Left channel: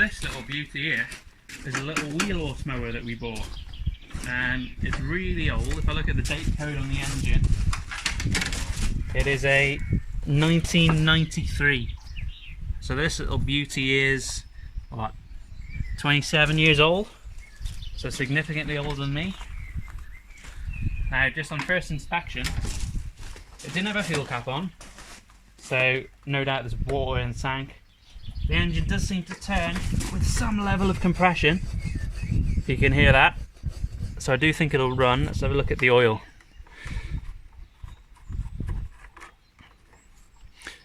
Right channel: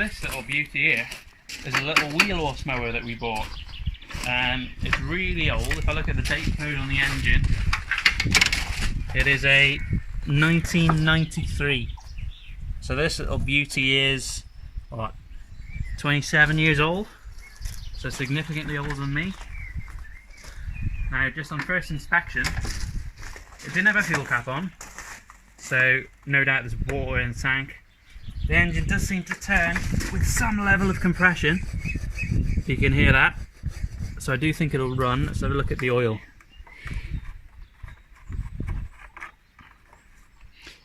this little beauty here is a little wheel horse mower that we bought, and it's really old. If I look at the date code on the engine, it is a 1993. So this little beauty is what, 27 years old, so significantly older than me. Now, just on first inspection, it didn't have a fuel cap on, so no doubt there's water in the tank. The engine does seem to turn with some level of compression, if you can hear that, so I do think it'll run. Let's have a look at the oil.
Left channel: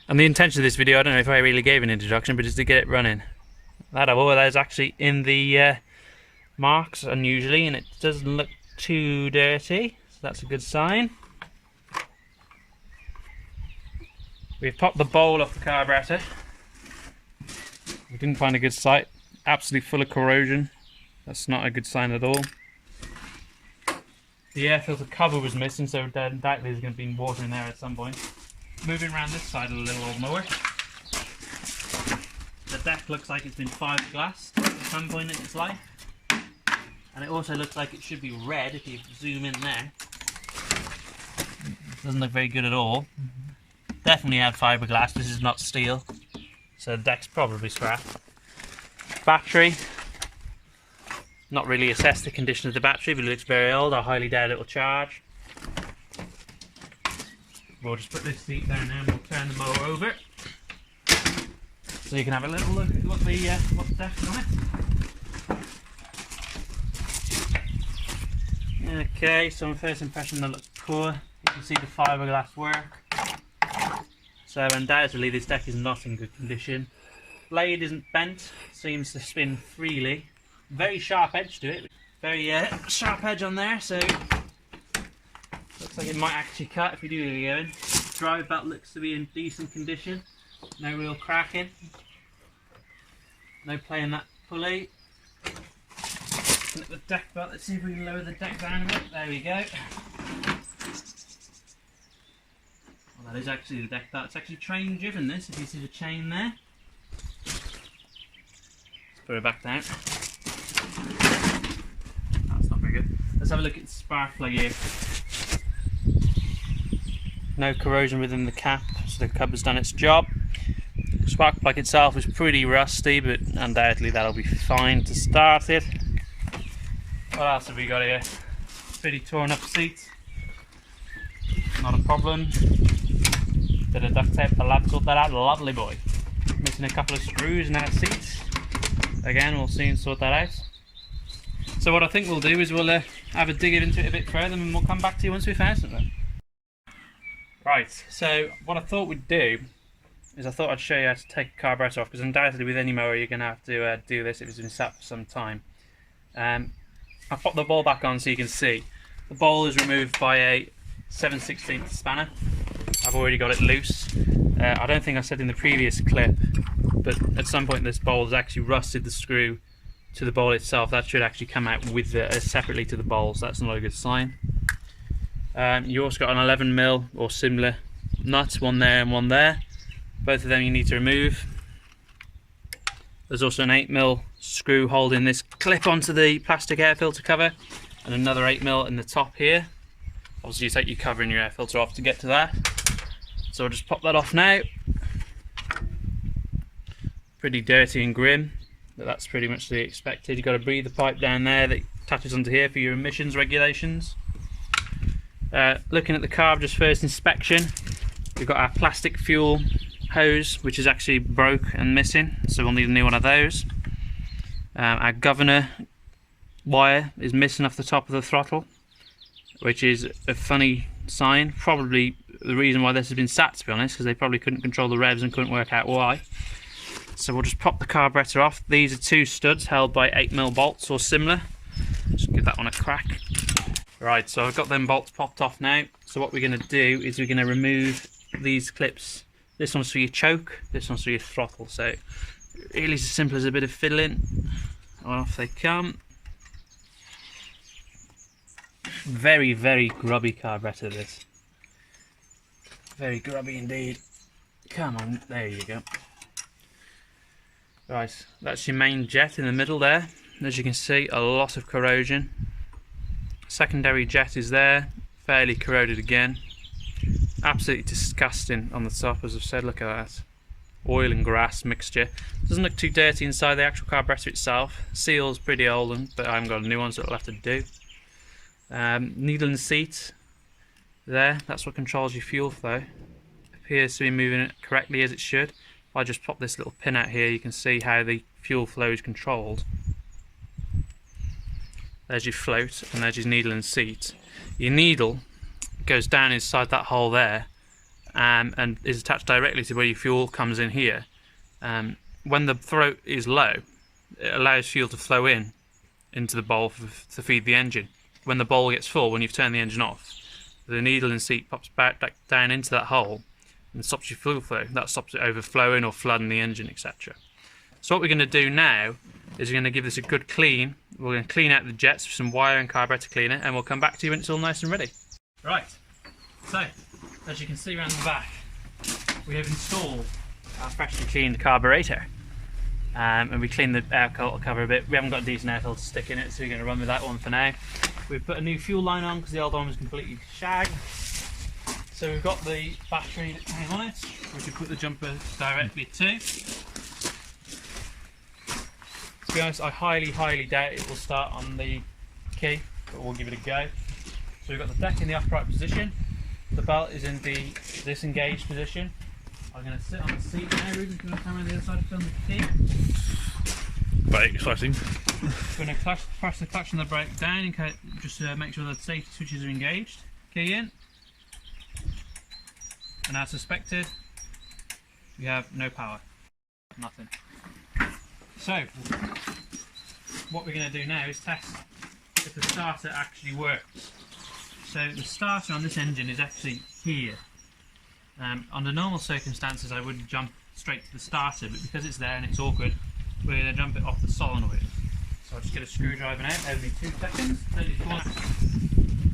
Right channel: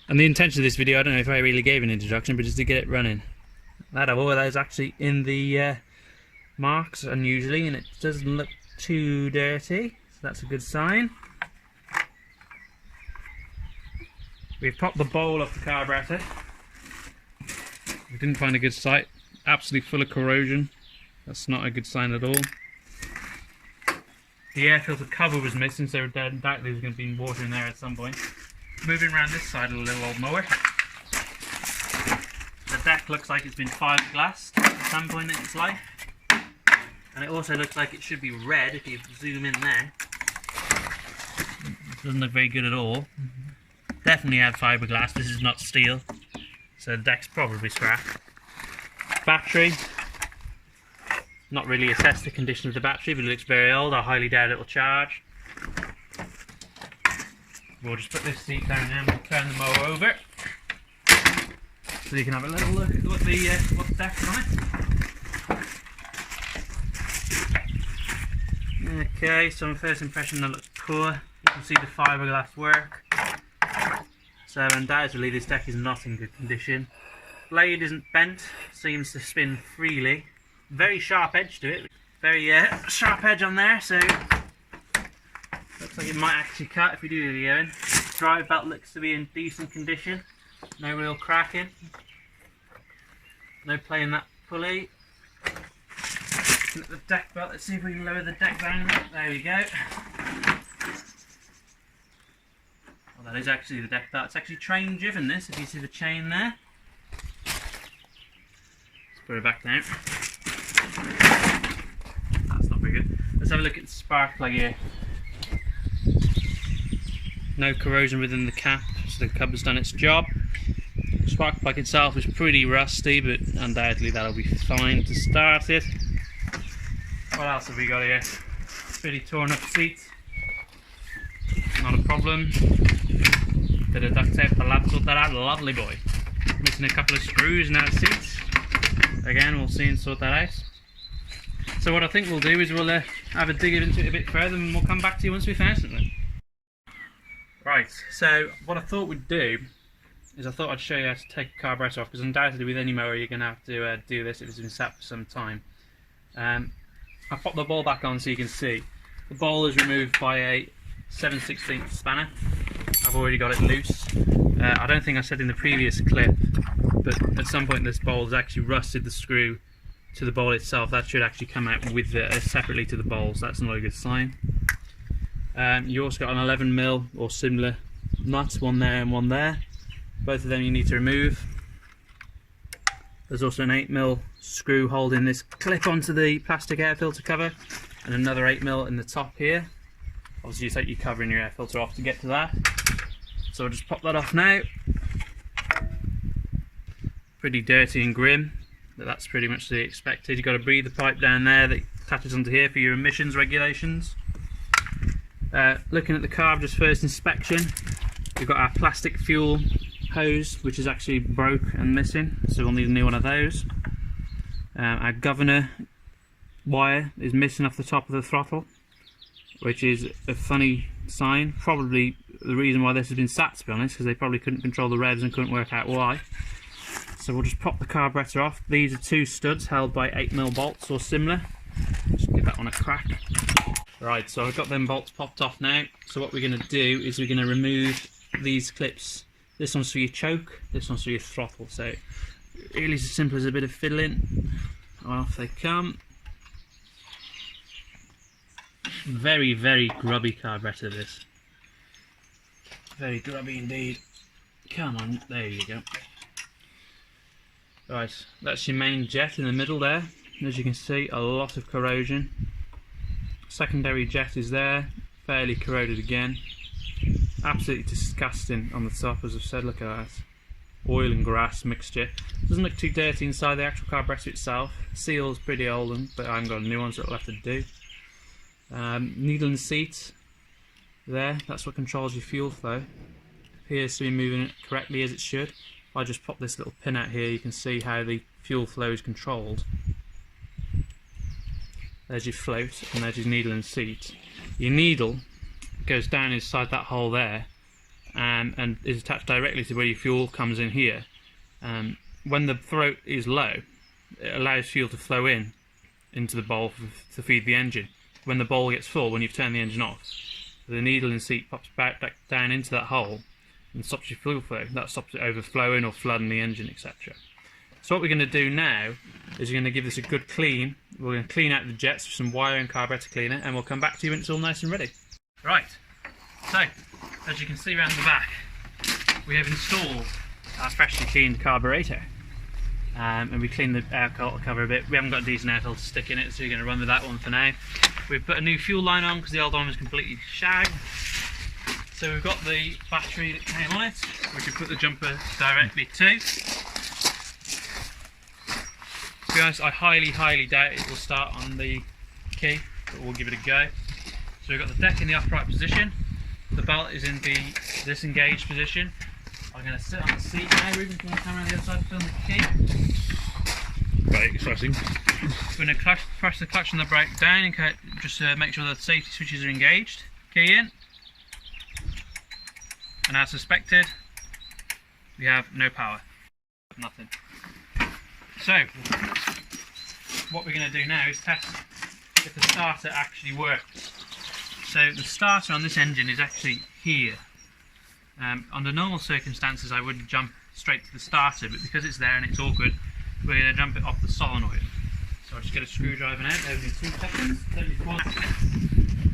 And the intention of this video, I don't know if I really gave an introduction, but just to get it running. That oil is actually in the marks unusually, and it doesn't look too dirty, so that's a good sign. We've popped the bowl off the carburetor. We didn't find a good site. Absolutely full of corrosion. That's not a good sign at all. The air filter cover was missing, so undoubtedly there's going to be water in there at some point. Moving around this side of the little old mower. The deck looks like it's been fiberglassed at some point in its life. And it also looks like it should be red if you zoom in there. It doesn't look very good at all. Definitely had fiberglass, this is not steel. So the deck's probably scrap. Battery. Not really assessed the condition of the battery, but it looks very old. I highly doubt it will charge. We'll just put this seat down there and we'll turn the mower over, so you can have a little look at what the deck's on it. Okay, so on first impression that looks poor. You can see the fiberglass work. So undoubtedly this deck is not in good condition. Blade isn't bent, seems to spin freely. Very sharp edge to it. Very sharp edge on there, so looks like it might actually cut if we do get it going. Drive belt looks to be in decent condition. No real cracking. No play in that pulley. Looking at the deck belt, let's see if we can lower the deck down a bit. There we go. Well, that is actually the deck belt. It's actually train driven, this, if you see the chain there. Let's put it back down. That's not very good. Let's have a look at the spark plug here. No corrosion within the cap, so the cover's done its job. The spark plug itself is pretty rusty, but undoubtedly that'll be fine to start it. What else have we got here? Pretty torn up seat. Not a problem. Bit of duct tape, the lad sort that out, lovely boy. Missing a couple of screws in that seat. Again, we'll soon sort that out. So what I think we'll do is we'll have a dig into it a bit further, and we'll come back to you once we've found something. Right, so what I thought we'd do is I thought I'd show you how to take a carburetor off, because undoubtedly with any mower you're going to have to do this if it's been sat for some time. I've popped the bowl back on so you can see. The bowl is removed by a 7/16 spanner. I've already got it loose. I don't think I said in the previous clip, but at some point this bowl has actually rusted the screw to the bowl itself. That should actually come out with separately to the bowl, so that's not a good sign. You also got an 11mm or similar nut, one there and one there. Both of them you need to remove. There's also an 8mm screw holding this clip onto the plastic air filter cover, and another 8mm in the top here. Obviously you take your cover and your air filter off to get to that. So I'll just pop that off now. Pretty dirty and grim, but that's pretty much the expected. You've got a breather pipe down there that attaches onto here for your emissions regulations. Looking at the carb, just first inspection, we've got our plastic fuel hose, which is actually broke and missing, so we'll need a new one of those. Our governor wire is missing off the top of the throttle, which is a funny sign. Probably the reason why this has been sat, to be honest, because they probably couldn't control the revs and couldn't work out why. So we'll just pop the carburetor off. These are two studs held by 8mm bolts or similar. Just give that one a crack. Right, so I've got them bolts popped off now. So what we're going to do is we're going to remove these clips. This one's for your choke, this one's for your throttle. So really as simple as a bit of fiddling. Off they come. Very, very grubby carburetor this. Very grubby indeed. Come on, there you go. Right, that's your main jet in the middle there. As you can see, a lot of corrosion. Secondary jet is there, fairly corroded again. Absolutely disgusting on the top, as I've said. Look at that. Oil and grass mixture. Doesn't look too dirty inside the actual carburetor itself. Seal's pretty old, but I haven't got a new one, so it'll have to do. Needle and seat there, that's what controls your fuel flow. Appears to be moving it correctly as it should. If I just pop this little pin out here, you can see how the fuel flow is controlled. There's your float, and there's your needle and seat. Your needle goes down inside that hole there, and is attached directly to where your fuel comes in here. When the throat is low, it allows fuel to flow into the bowl to feed the engine. When the bowl gets full, when you've turned the engine off, the needle and seat pops back down into that hole and stops your fuel flow. That stops it overflowing or flooding the engine, etc. So what we're going to do now is we're going to give this a good clean. We're going to clean out the jets with some wire and carburetor cleaner, and we'll come back to you when it's all nice and ready. Right, so as you can see around the back, we have installed our freshly cleaned carburetor. And we cleaned the air filter cover a bit. We haven't got a decent air filter to stick in it, so we're going to run with that one for now. We've put a new fuel line on because the old one was completely shagged. So we've got the battery that came on it, which we put the jumper directly to. To be honest, I highly doubt it will start on the key, but we'll give it a go. So we've got the deck in the upright position. The belt is in the disengaged position. I'm going to sit on the seat now. Ruben's going to come around the other side to film the key. Right, exciting. We're going to press the clutch and the brake down and just make sure that the safety switches are engaged. Key in. And as suspected, we have no power. Nothing. So, what we're going to do now is test if the starter actually works. So the starter on this engine is actually here. Under normal circumstances I would jump straight to the starter, but because it's there and it's awkward, we're going to jump it off the solenoid. So I'll just get a screwdriver now, every 2 seconds.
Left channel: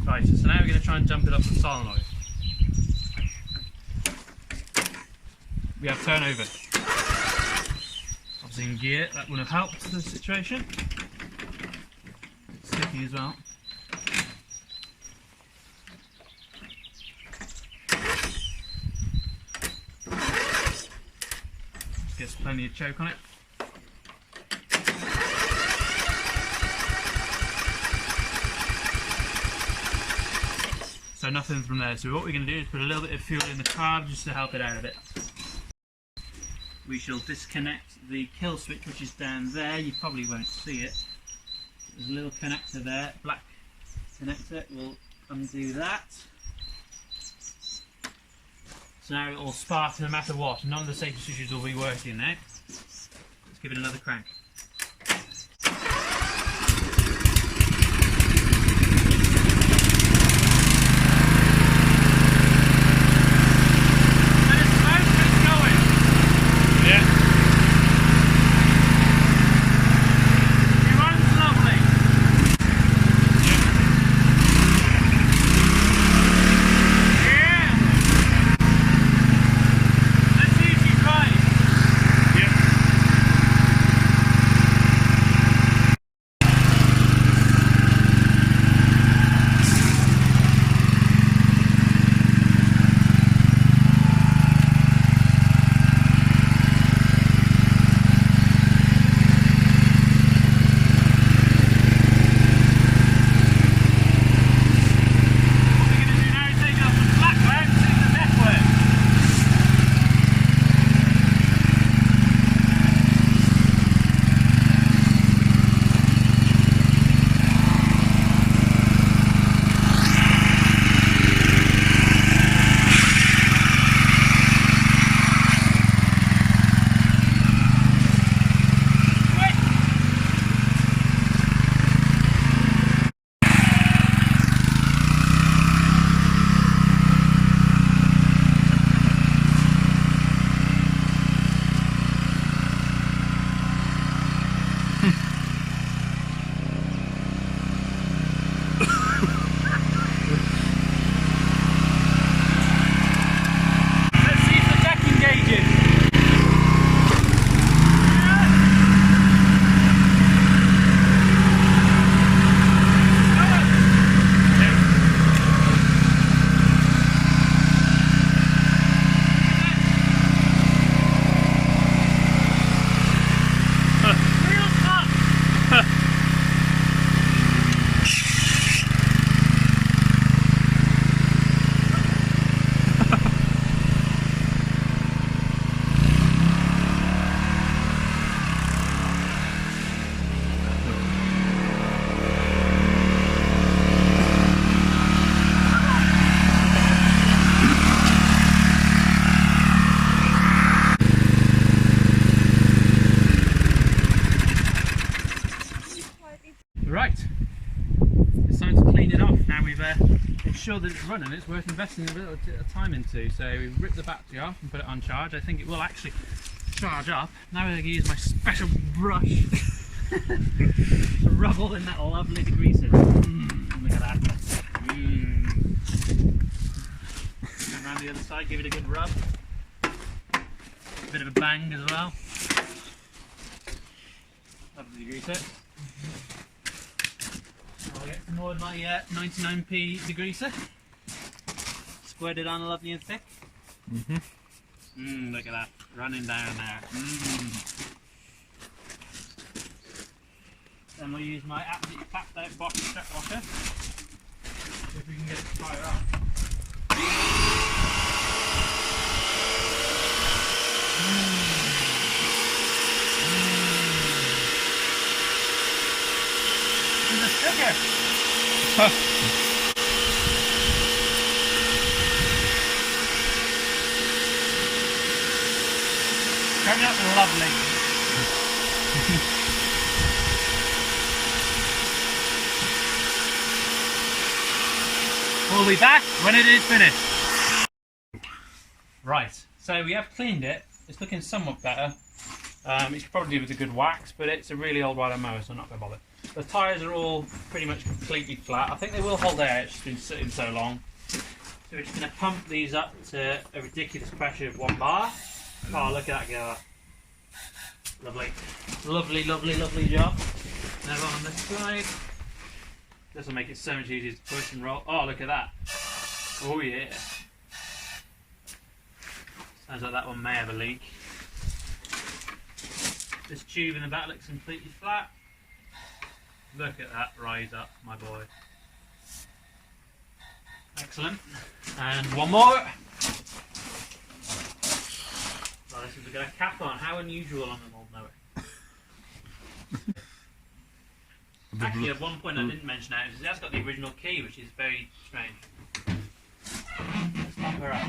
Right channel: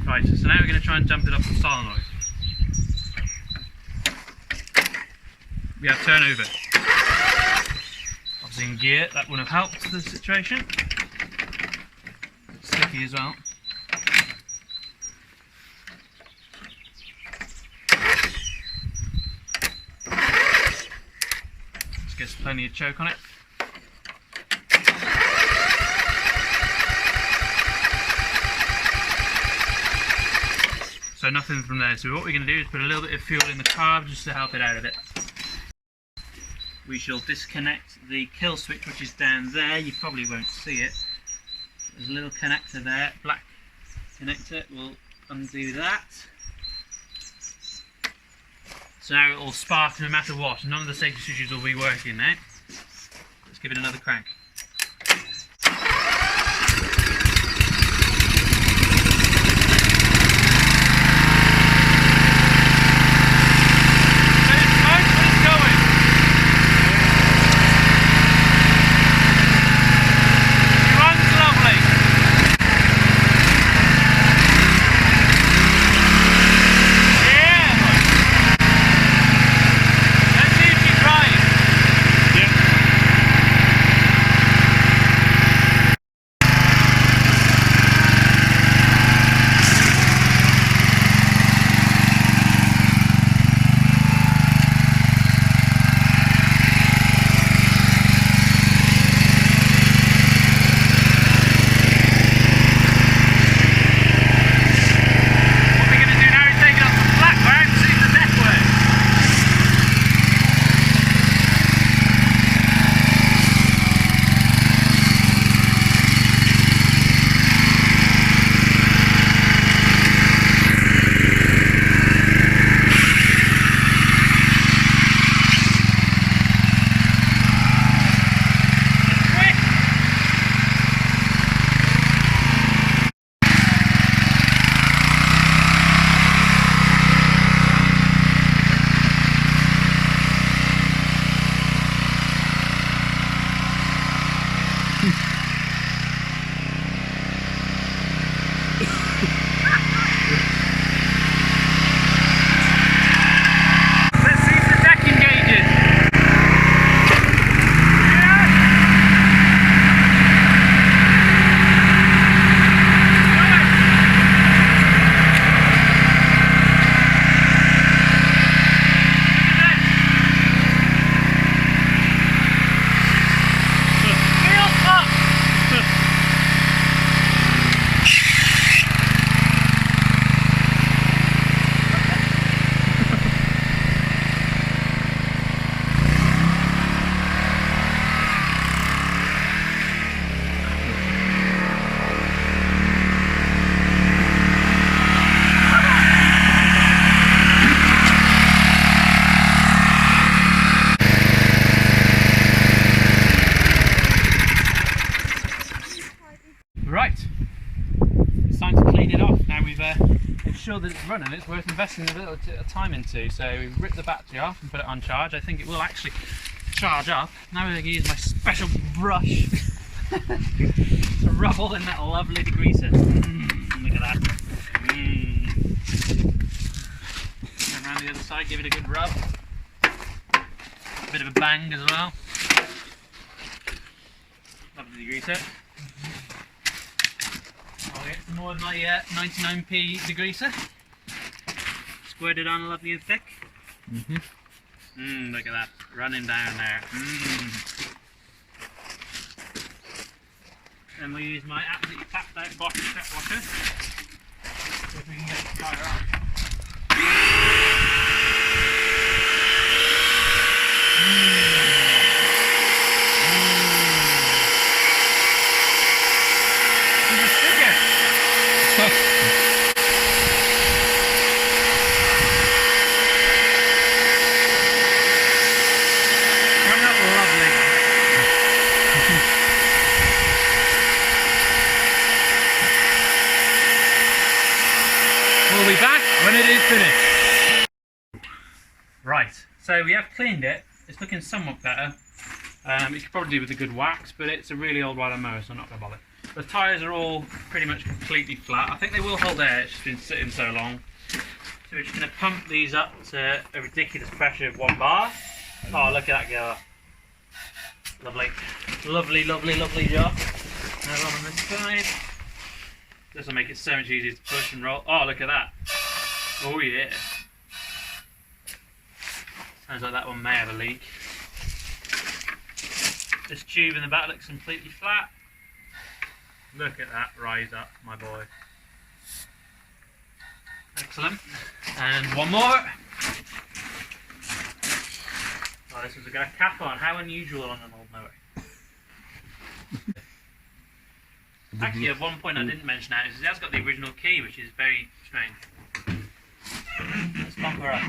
Right, so now we're going to try and jump it off the solenoid. We have turnover. Obviously in gear, that would have helped the situation. It's sticky as well. Gets plenty of choke on it. So nothing from there. So what we're going to do is put a little bit of fuel in the carb just to help it out a bit. We shall disconnect the kill switch, which is down there. You probably won't see it. There's a little connector there, black connector. We'll undo that. So now it will spark no matter what. None of the safety switches will be working now. Let's give it another crank. sure that it's running, it's worth investing a little bit of time into. So we rip the battery off and put it on charge. I think it will actually charge up. Now we're going to use my special brush to rub all in that lovely degreaser. Look at that. Turn around the other side, give it a good rub. Bit of a bang as well. Lovely degreaser. I'll get some more of my 99p degreaser. Squirt it on lovely and thick. Look at that, running down there. Then we'll use my absolutely tapped out Bosch step washer. See if we can get it to fire up. We'll be back when it is finished. Right, so we have cleaned it. It's looking somewhat better. You could probably do with a good wax, but it's a really old rider mower, so I'm not going to bother. The tyres are all pretty much completely flat. I think they will hold air, it's just been sitting so long. So we're just going to pump these up to a ridiculous pressure of 1 bar. Oh, look at that go. Lovely. Lovely, lovely, lovely job. Now on this side. This will make it so much easier to push and roll. Oh, look at that. Oh yeah. Sounds like that one may have a leak. This tube in the back looks completely flat. Look at that rise up, my boy. Excellent. And one more. Oh, this has got a cap on. How unusual on an old mower. Actually, at one point I didn't mention that, is it has got the original key, which is very strange. Let's pop her up.